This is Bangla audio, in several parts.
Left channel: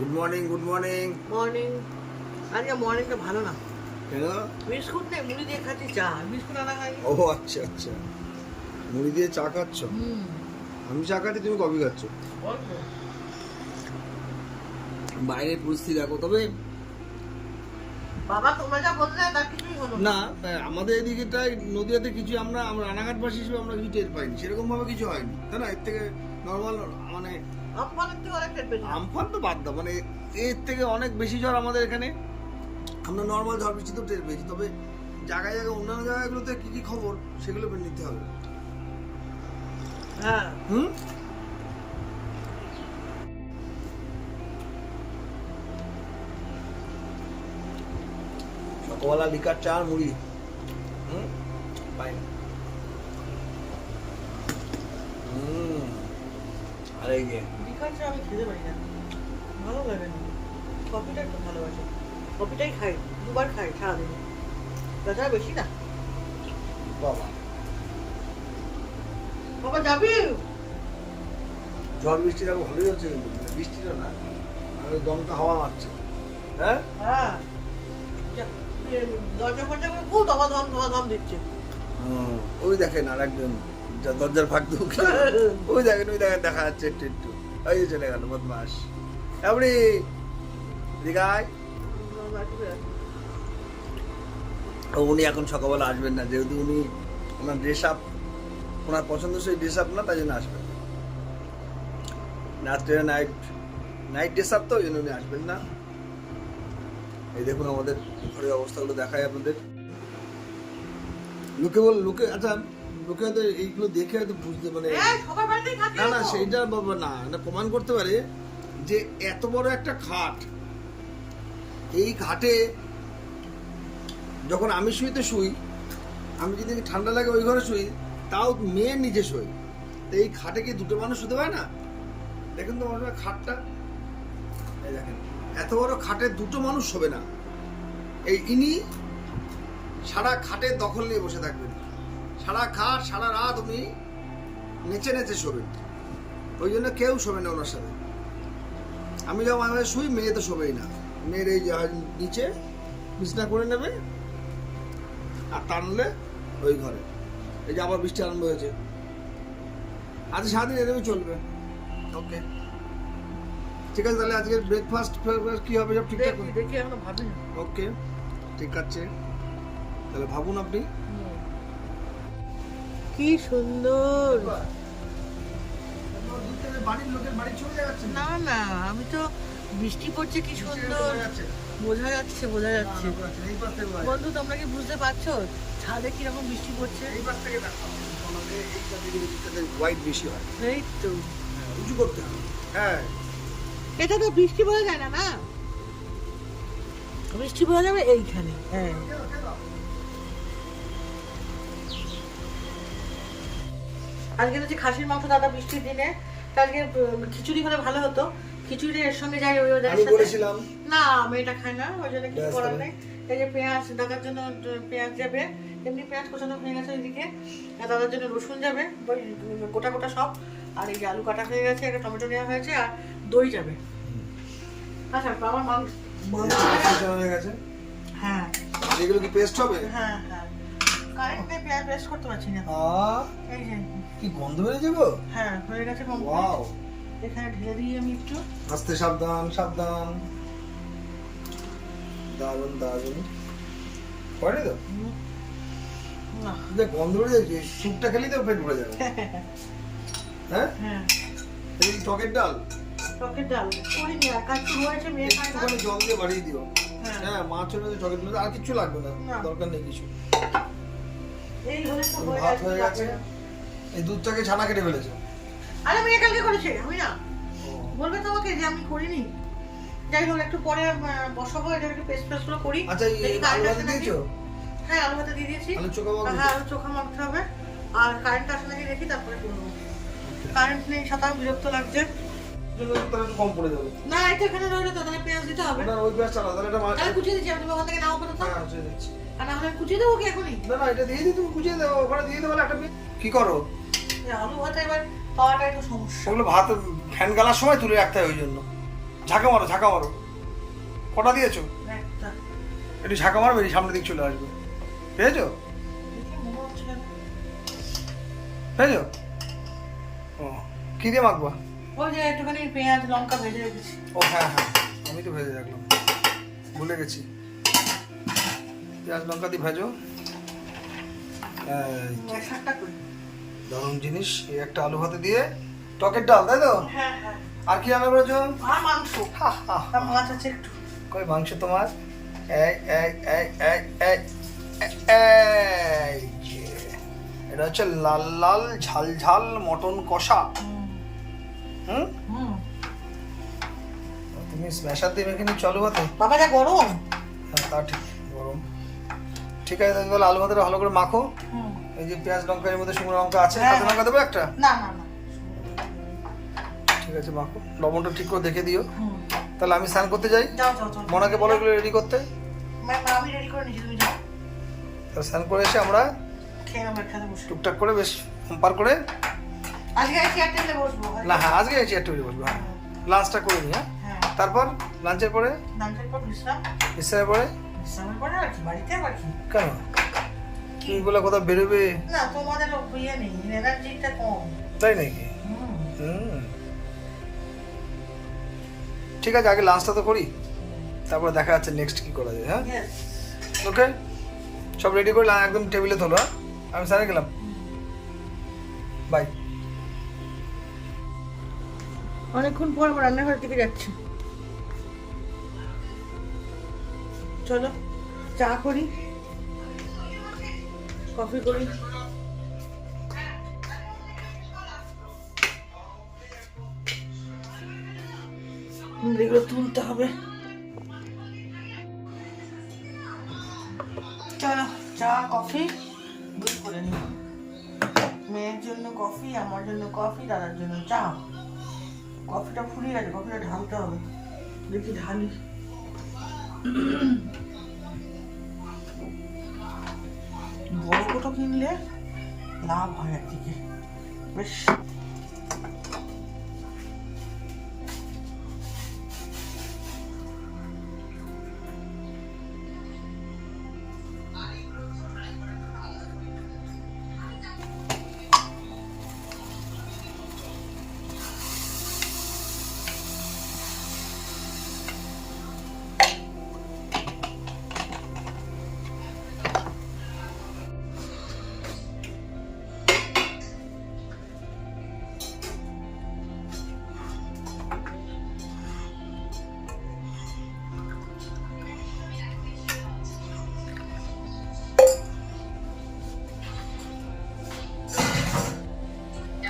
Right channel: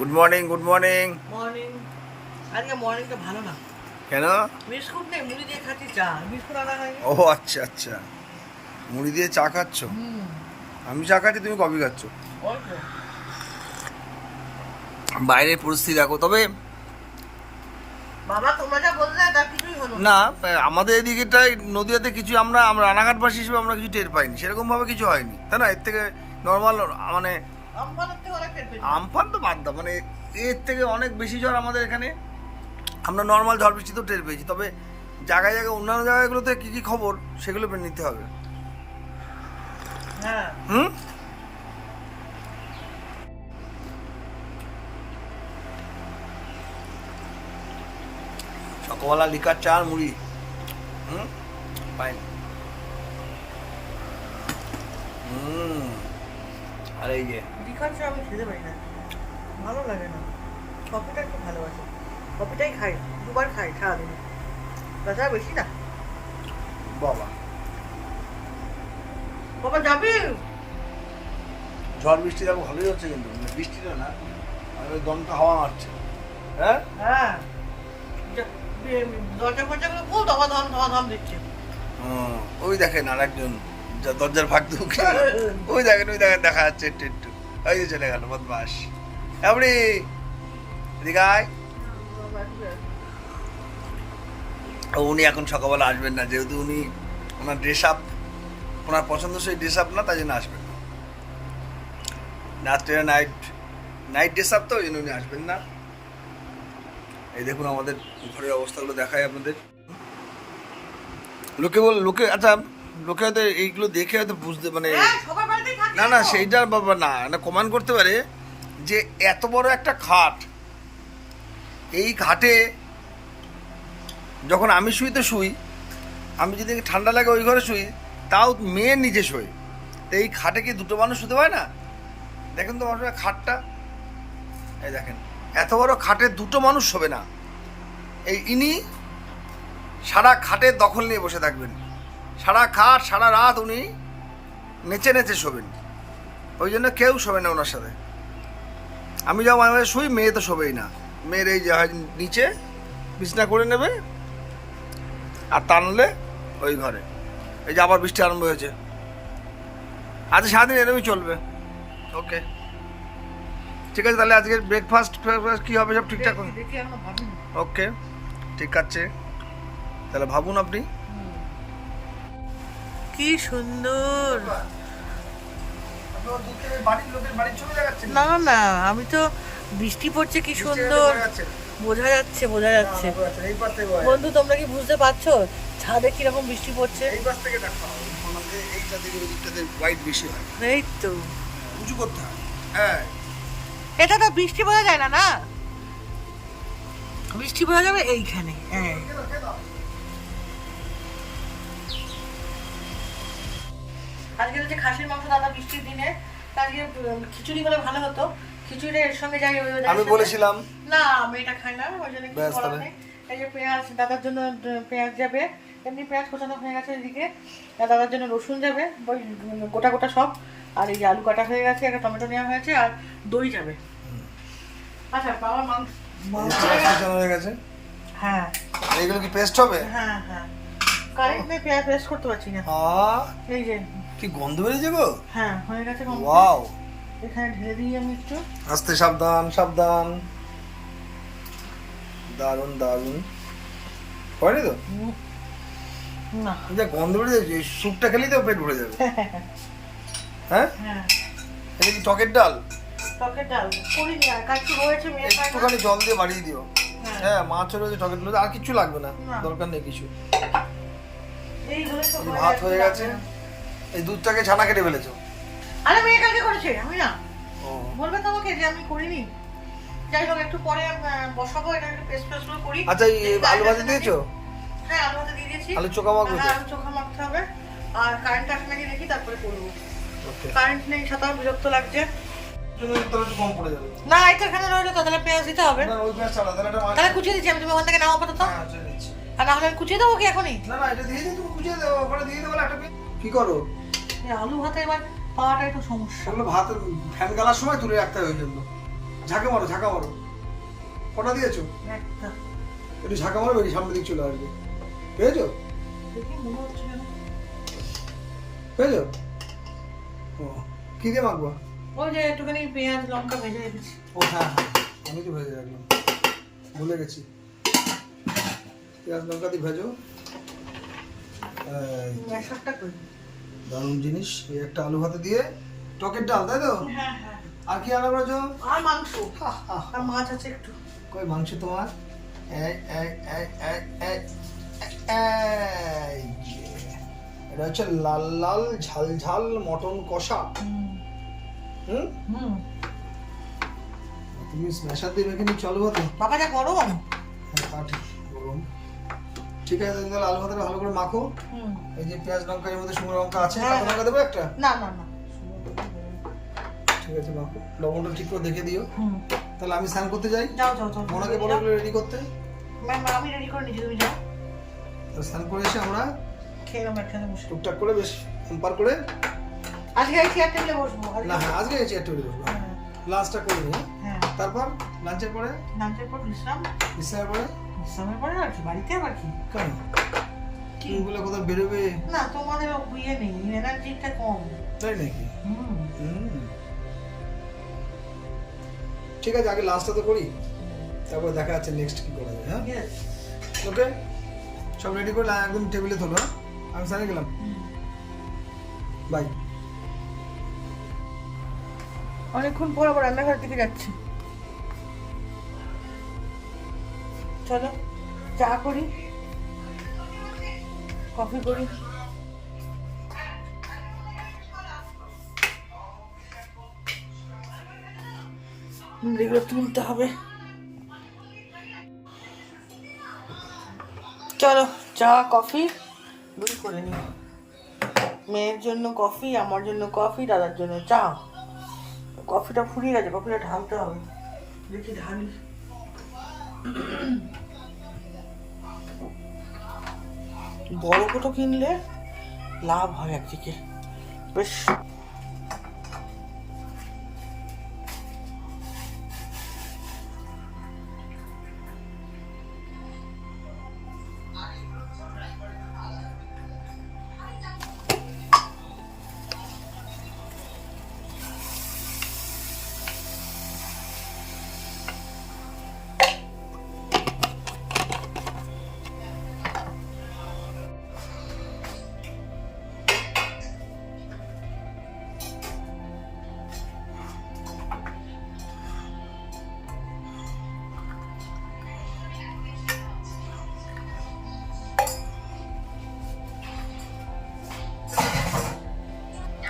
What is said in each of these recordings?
Good morning, good morning. Morning. আজকে মর্নিংটা ভালো না। কেন? বিস্কুট নেই, মুড়ি দিয়ে খাচ্ছি চা। বিস্কুট আনা হয়নি। ও আচ্ছা আচ্ছা, মুড়ি দিয়ে চা খাচ্ছ? আমি চা খাচ্ছি, তুমি কফি খাচ্ছ। অল্প। বাইরের পরিস্থিতি দেখো। তবে বাবা তোমরা যা বললে তার কিছুই হলো না, আমাদের এদিকেটাই নদীয়াতে কিছু আমরা রানাঘাটবাসী হিসেবে আমরা কিছু টের পাইনি, সেরকম ভাবে কিছু হয়নি, তাই না? এর থেকে নর্মাল মানে আমফানের থেকে অনেক টের পেয়েছি। আমফান তো বাদ দাও, মানে এর থেকে অনেক বেশি ঝড় আমাদের এখানে। আমরা নর্মাল ঝড় বৃষ্টি তো টের পেয়েছি, তবে জায়গায় জায়গায় অন্যান্য জায়গাগুলোতে কি কি খবর সেগুলো পেয়ে নিতে হবে। হ্যাঁ। হুম। সকালবেলা লিকার চা আর মুড়ি। হুম, ফাইন। আর এই যে লিকার চা আমি খেতে পারি না, ভালো লাগে না। কফিটা একটু ভালোবাসি, কফিটাই খাই, দুবার খাই সারাদিনে, তাছাড়া বেশি না। বাবা, বাবা যাবি? ঝড় বৃষ্টি দেখো ভালোই হচ্ছে, কিন্তু বৃষ্টিটা না, ওই দমকা হাওয়া মারছে। হ্যাঁ হ্যাঁ, দরজা ফরজাগুলো খুব ধমাধম ধমাধম দিচ্ছে। ওই দেখেন আর একজন দরজার ফাঁক ঢুকে, ওই দেখেন দেখা যাচ্ছে একটু একটু। ওই যে চলে গেল বদমাস। এমনি দিঘায় উনি এখন সকালবেলা আসবেন না, যেহেতু উনি ওনার ড্রেস আপ, ওনার পছন্দসই ড্রেস আপ না, তাই জন্য আসবেন না। রাত্রে নাইট ড্রেস আপ, তো ওই জন্য উনি আসবেন না। এই দেখুন আমাদের ঘরের অবস্থাগুলো দেখায় আপনাদের। লোকে আচ্ছা, লোকে হয়তো এইগুলো দেখে হয়তো বুঝতে মানে না না সেইটার বাবা না কমেন্ট করতে পারে যে এত বড় একটা খাট, এই খাটে যখন আমি শুই তো শুই, আমি যদি ঠান্ডা লাগে ওই ঘরে শুই, তাও মেয়ের নিচে শুই, তো এই খাটে কি দুটো মানুষ শুতে পারে না? দেখেন তো মানুষের খাটটা, এই দেখেন এত বড় খাটে দুটো মানুষ শোবে না। এই ইনি সারা খাটের দখল নিয়ে বসে থাকবেন, সারা খাট সারা রাত উনি নেচে নেচে শোবেন, ওই জন্য কেউ শোবে না ওনার সাথে। আমি যখন মাঝে মাঝে শুই, মেয়ে তো শোবেই না, মেয়ের এই যে নিচে বিছনা করে নেবে, আর তা নাহলে ওই ঘরে। এই যে আবার বৃষ্টি আরম্ভ হয়েছে, আজ সারাদিন এরকমই চলবে। ওকে ঠিক আছে, তাহলে আজকে ব্রেকফাস্ট কি হবে সব ঠিকঠাক? দেখি এখনো ভাবিনি। ওকে ঠিক আছে, তাহলে ভাবুন আপনি। কি সুন্দর। না না, আমি তো বৃষ্টি পড়ছে, কি সুন্দর বোঝা যাচ্ছে। বন্ধু তোমরা কি বুঝতে পারছো ছাদে কিরকম বৃষ্টি পড়ছে? এই তো উঁচু করতে হয়। হ্যাঁ, এটা তো বৃষ্টি বোঝা যায় না, না বৃষ্টি বোঝা যাবে এইখানে। হ্যাঁ, আজকে হচ্ছে খাসির মাংস দাদা বৃষ্টির দিনে, আজকে খিচুড়ি হলে ভালো হতো। খিচুড়িটা এর সঙ্গে যাই, আমি বলেছিলাম না আমি এটা খাই না, ওই জন্য কিছু করার নেই। এই যে পেঁয়াজ, দাদার জন্য পেঁয়াজ যাবে, এমনি পেঁয়াজ কোচানো হয়ে গেছে এদিকে, আর দাদার জন্য রসুন যাবে, ওই গোটা গোটা সব, আর এই যে আলু কাটা হয়ে গেছে, একটা টমেটো নেওয়া হয়েছে, আর দই যাবে। আচ্ছা বাবা মাংস হয়ে গেছে। হ্যাঁ, এগুলো কি পেস্ট হবে? হ্যাঁ হ্যাঁ, কারেন্ট নেই, পেঁয়াজ পেস্ট করতে পারছি না। এই যে কি গন্ধ বেরিয়েছে গো। হ্যাঁ হয়ে গেছে। ওয়াও, এখানে ঢেলে দিই আমি একটু। আস্তে, সাবধান সাবধান। দারুন দারুন হয়নি তো? না যে গন্ধ বেরিয়েছে, স্যুপটা খেলেই তো পেট ভরে যাবে। হ্যাঁ হ্যাঁ, এটা কি টকের ডাল? টকের ডাল করিনি, আর কাচ্চি হয়েছে, মেয়ে খায় না। একটুখানি জল দিয়ে বাড়িয়ে দিও। হ্যাঁ। হ্যাঁ, মাছ রয়েছে, টকের ডাল, আর কিছু লাগবে না, না। দরকার নেই কিছু। এই হলে তো ভাত হয়ে গেছে, এই দুধটাকে ছানা কেটে ফেলেছো? আরে মেয়ে কালকে করেছে, আমি না। ও বলবে তো আমাকে যে আমি করিনি। যাই হোক, একটু পরে বসাবো, এটা একটু পেস্ট পেস্ট করি। আচ্ছা, এই আলু ভাজা দিয়েছো? হ্যাঁ, আলু ভাজা দিয়ে দিয়েছি। আলু চোখা মাখবে? হ্যাঁ, আলু চোখা মাখতে হবে, আর কারেন্ট আসে নাকি দেখি, তারপরে করবো। কারেন্ট নেই, সাতাশ বিরক্ত লাগছে। কম পড়ে যাবে। না, এটা এখানে রইলো তো, তাহলে পেঁয়াজ দিতে হবে। না, ওই পেঁয়াজ চালা, তাহলে এটা তাহলে কুচিয়ে দিচ্ছি আমি, তুমি ওখান থেকে নাও আপাতত। হ্যাঁ, চলে যাচ্ছে। আর না হলে আমি কুচিয়ে দেবো কি এখনই? না না, এটা দিয়ে দিই, তুমি কুচিয়ে দেবো, ওখানে দিয়ে দেবো একটা। কি করো? আলু ভাতে এবার পাওয়াটা একটু সমস্যা। ওগুলো ভাত ফ্যান গালার সময় তুলে রাখতে হয়, ওই জন্য। ঝাঁকা মারো, ঝাঁকা মারো। কটা দিয়েছো? একটা। একটু ঝাঁকা মারো, বেরিয়ে সামনের দিক চলে আসবে। পেয়েছো? দেখি মনে হচ্ছে না। পেয়েছো? ও, কি দিয়ে মাখবা? ওই যে একটুখানি পেঁয়াজ লঙ্কা ভেজে রেখেছি। ও হ্যাঁ হ্যাঁ, আমি তো ভেজে রাখলাম, ভুলে গেছি। পেঁয়াজ লঙ্কা দিয়ে ভেজো। ম্যাশারটা করি। দারুণ জিনিস। এই একটা আলু ভাতে দিয়ে টকের ডাল, তাই তো? হ্যাঁ হ্যাঁ। আর কি রান্না করেছো? আর মাংস। হা, হা, হা। আর মাছ আছে একটু। কই মাংস তোমার? এই এই এই এই এই এই যে। এটা হচ্ছে লাল লাল ঝাল ঝাল মটন কষা। হুম, হুম। তুমি স্ম্যাশার দিয়ে মেখে নিচ্ছ আলু ভাতে? বাবা যা গরম। হ্যাঁ তা ঠিক, গরম। ঠিক আছে, তাহলে আলু ভাতেটা ভালো করে মাখো। হুম। এই যে পেঁয়াজ লঙ্কার মধ্যে শুকনো লঙ্কা আছে, হ্যাঁ, কাঁচা লঙ্কা দেবো একটা? না না না। ঠিক আছে, মাখো। লবণটা ঠিক করে দেখে দিও। হুম। তাহলে আমি স্নান করতে যাই। যাও যাও যাও। মনাকে বলো এগুলো রেডি করতে। ম্যাম আমি রেডি করে নিচ্ছি, তুমি যাও। তাহলে স্নান করে এসে আমরা খেয়ে নাও একখানে বসে। টুকটাক করে বেশ কম্পার করে। আজকে এই চেয়ার টেবিলে বসবো। না হ্যাঁ, আজকে এই চেয়ার টেবিলে বসবো। হ্যাঁ, লাঞ্চটা করে নিই। হ্যাঁ, হ্যাঁ। তারপর লাঞ্চের পরে লাঞ্চের পর বিশ্রাম। বিশ্রামের পরে বিশ্রামের পরে আর কি বাড়িতে আবার কি? কেন কি? তুমি বলে কোথাও বেরোবে? না তোমাদের ইয়ে নেই, এনার্জিটা কম। তাই নাকি? হুম। হুম, ঠিক আছে, আগে লাঞ্চটা তো করি, তারপর দেখা যাচ্ছে নেক্সট কি করা যায়। হ্যাঁ, Yes. ওকে, সব রেডি করে একদম টেবিলে তোলো। হ্যাঁ, আমি স্যারে গেলাম, বাই। অনেকক্ষণ পর আবার রান্নাঘর দিকে যাচ্ছি। চলো চা করি, কফি করি। এগুলো তুলতে হবে। চলো চা কফি দুই করে নিই। মেয়ের জন্য কফি, আমার জন্য কফি, দাদার জন্য চা। কফিটা ফুরিয়ে গেছে, কফিটা ঢালতে হবে। দেখি ঢালি। বড় কোটো কিনলে লাভ হয় একদিকে বেশ।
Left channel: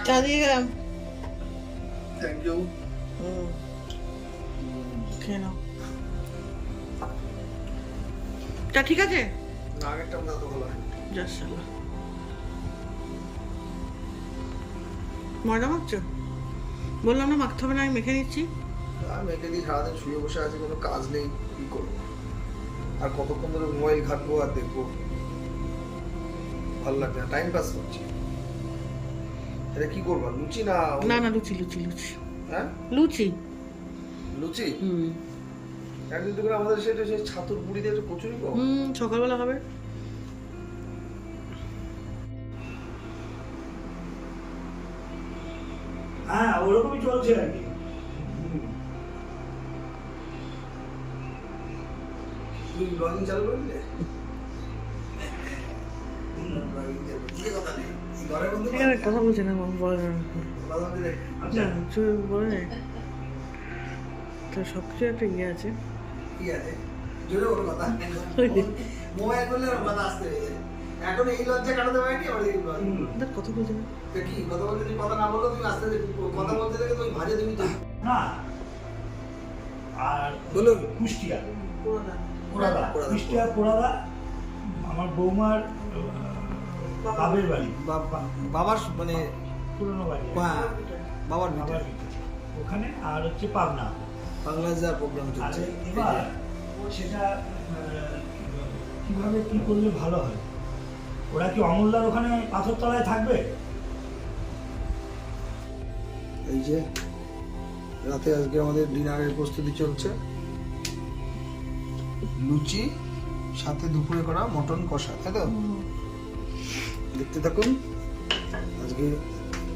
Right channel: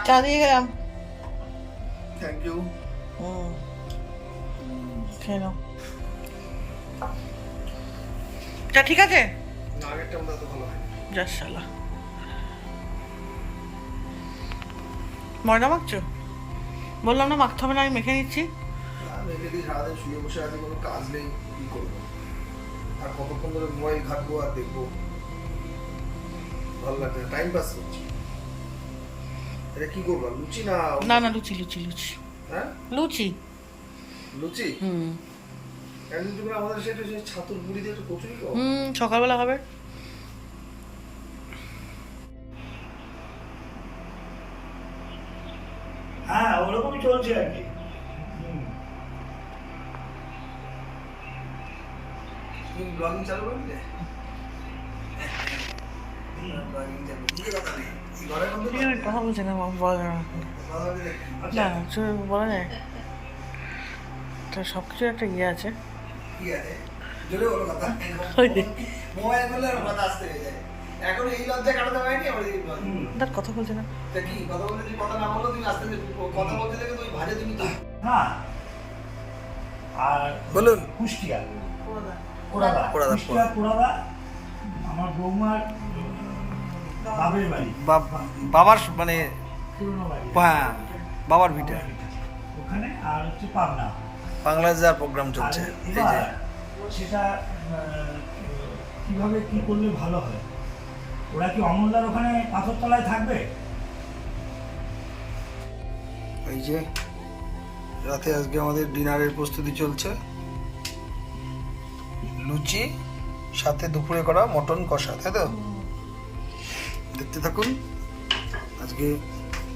চা দিয়ে গেলাম। Thank you. খেয়ে নাও। চা ঠিক আছে? না, আগেরটা মনে হয় তো ভালো হয়। জাসালা ময়দা মাখছো? বললাম না মাখতে হবে না, আমি মেখে নিচ্ছি। আমি এদিকে সারাদিন শুয়ে বসে আছি, কোনো কাজ নেই, কি করবো আর কতক্ষণ ধরে মোবাইল ঘাটবো আর দেখবো, ভালো লাগছে না, টাইম পাস করছি। এটা কি করবো, লুচি না? না না, লুচি লুচি লুচি। হ্যাঁ, লুচি। লুচি। হুম একদিন তুমি আমাদের সেটা সেই ছাতুর পুরিতে একটু কচুরি খাও। সকালবেলা হবে। হ্যাঁ, ওরকমই চলছে আর কি। তুমি ব্লগিং চালু করে দিলে? কথা বলছে না, বলা না, বলা যায় তো, সব কিছু একটা ইয়ে আছে। জোরে বলো কথা। মোবাইল বললে আর কথা আসতে হয়ে যায়। এখন এই লজ্জা কাটাতে পারিনি আমার এই ব্লগিং। তার কথা বলছে না। তা কি কথা বলতে, তুমি কথা না বললে তুমি আসতে কথা বলতে থেকে তুমি ভাজে তুমি তো। না, আর বলুন। কুষ্টিয়া পোড়াদা। কুষ্টিয়া পোড়াদা আমার বৌমার বাপের বাড়ি, বাবার মানে পুরনো বাড়ি। হ্যাঁ, বাবার ভিটা বাবার ভিটা। ওখানে আর হচ্ছে পাবনা। বাংলাদেশ যার প্রোগ্রাম আর চলছে এই এবার যে। সেটা কিভাবে কি করলে ভালো হয়? ওরা কি অমূল্যার ওখানে পাথরতলায় থাকবে? এই যে রাতে আজকে আমাদের ডিনারের প্রস্তুতি চলছে, লুচি সাথে দুপুরে করা মটন কষা, তাই তো? দেখতে থাকুন। আজকে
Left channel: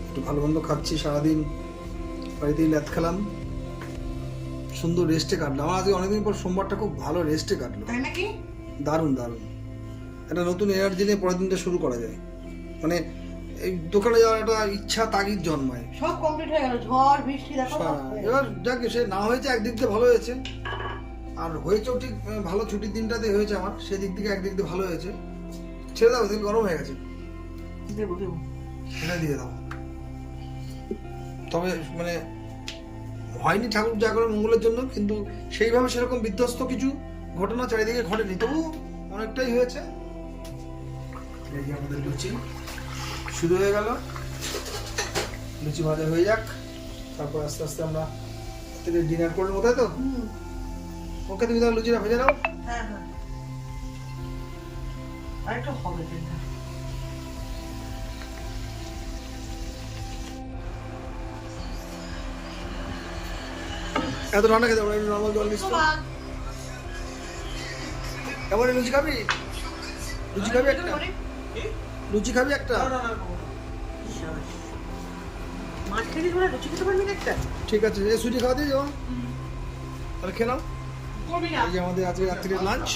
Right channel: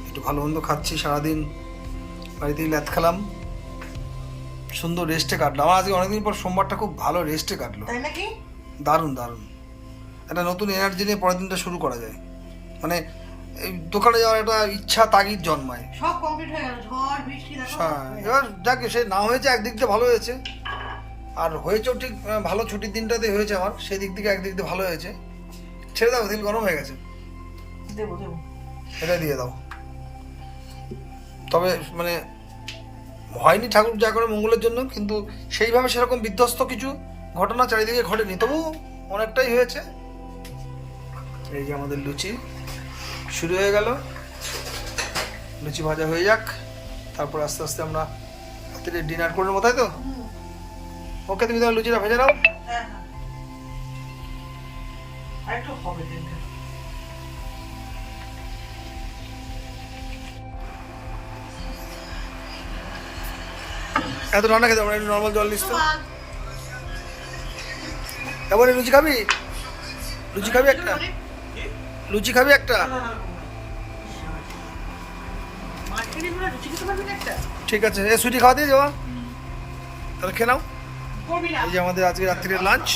একটু ভালো মন্দ খাচ্ছি, সারাদিন বাড়িতেই ল্যাদ খেলাম, সুন্দর রেস্টে কাটলো আমার আজকে। অনেকদিন পর সোমবারটা খুব ভালো রেস্টে কাটলো, তাই নাকি? দারুণ দারুণ। একটা নতুন এনার্জি নিয়ে পরের দিনটা শুরু করা যায়, মানে এই দোকানে যাওয়ার একটা ইচ্ছা তাগিদ জন্মায়। সব কমপ্লিট হয়ে গেল, ঝড় বৃষ্টি দেখো। হ্যাঁ, এবার যাক, সে না হয়েছে একদিক দিয়ে ভালো হয়েছে, আর হয়েছেও ঠিক ভালো, ছুটির দিনটাতে হয়েছে আমার, সেই দিক থেকে একদিক দিয়ে ভালো হয়েছে। ছেড়ে দাও, তেল গরম হয়ে গেছে, দেবো দেবো। এটা দিয়ে দাও। তবে মানে হয়নি ঠাকুর যা করে মঙ্গলের জন্য, কিন্তু সেইভাবে সেরকম বিধ্বস্ত কিছু ঘটনা চারিদিকে ঘটেনি, তবু অনেকটাই হয়েছে। এই যে আমাদের লুচি শুরু হয়ে গেল, লুচি ভাজা হয়ে যাক, তারপর আস্তে আস্তে আমরা রাত্রে ডিনার করে নেবো, তাই তো? ওকে, তুমি তোমার লুচিটা ভেজে নাও। হ্যাঁ হ্যাঁ, আর একটু হবে তেলটা। এত রান্না খেতে আমরা একটু নর্মাল জল নিস তো। এবারে লুচি খাবি? লুচি খাবি একটা? লুচি খাবি একটা? মাঝখানে পুরো লুচি খেতে পারবি না একটা? ঠিক আছে, এ সুইটি খাওয়া দিয়ে যাওয়া, তাহলে খেয়ে নাও। করবি না? এই যে আমাদের আজকে রাত্রির লাঞ্চ।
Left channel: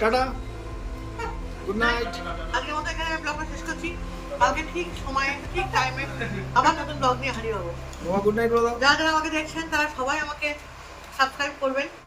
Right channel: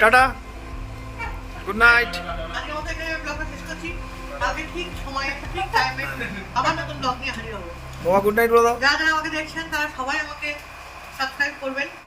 Tata, good night. আজকে আমাদের এখানে ব্লগটা শেষ করছি। কালকে ঠিক সময় একটা ঠিক টাইমে আবার নতুন ব্লগ নিয়ে হাজির হবো। বাবা গুড নাইট বলে দাও। যারা যারা আমাকে দেখছেন তারা সবাই আমাকে সাবস্ক্রাইব করবেন।